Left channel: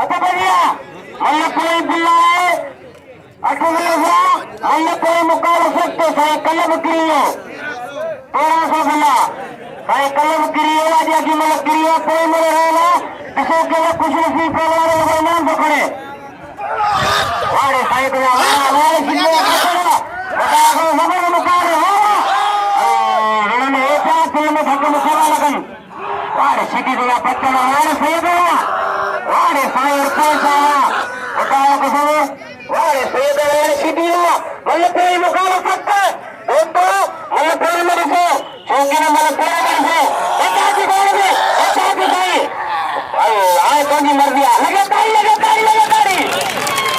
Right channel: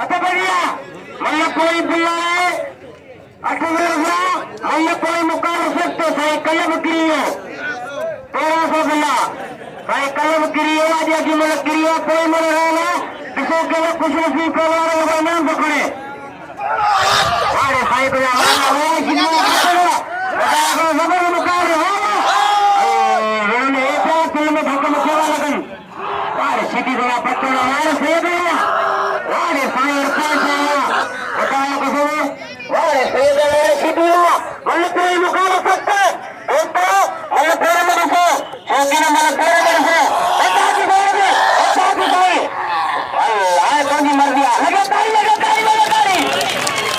आता बघूया कोणी बुल्ला आहे आठवड्याला कोणी मुकाल शकतो कल बकरियों थोड़ा सा बुला कल बकरियों आदि की मला करियो कोई मेरे है ना ऐसे के लिए कुछ नहीं करवाने नाम पकड़े अरे भाई को हमारे जिले हमारे मुकाल है एक किलो में भाग में खेला लगन और सिटी का पत्ता है सही है अरे फायर कैसा बताया कैसे अरे सही है सिटी है कोई मुकाल सकता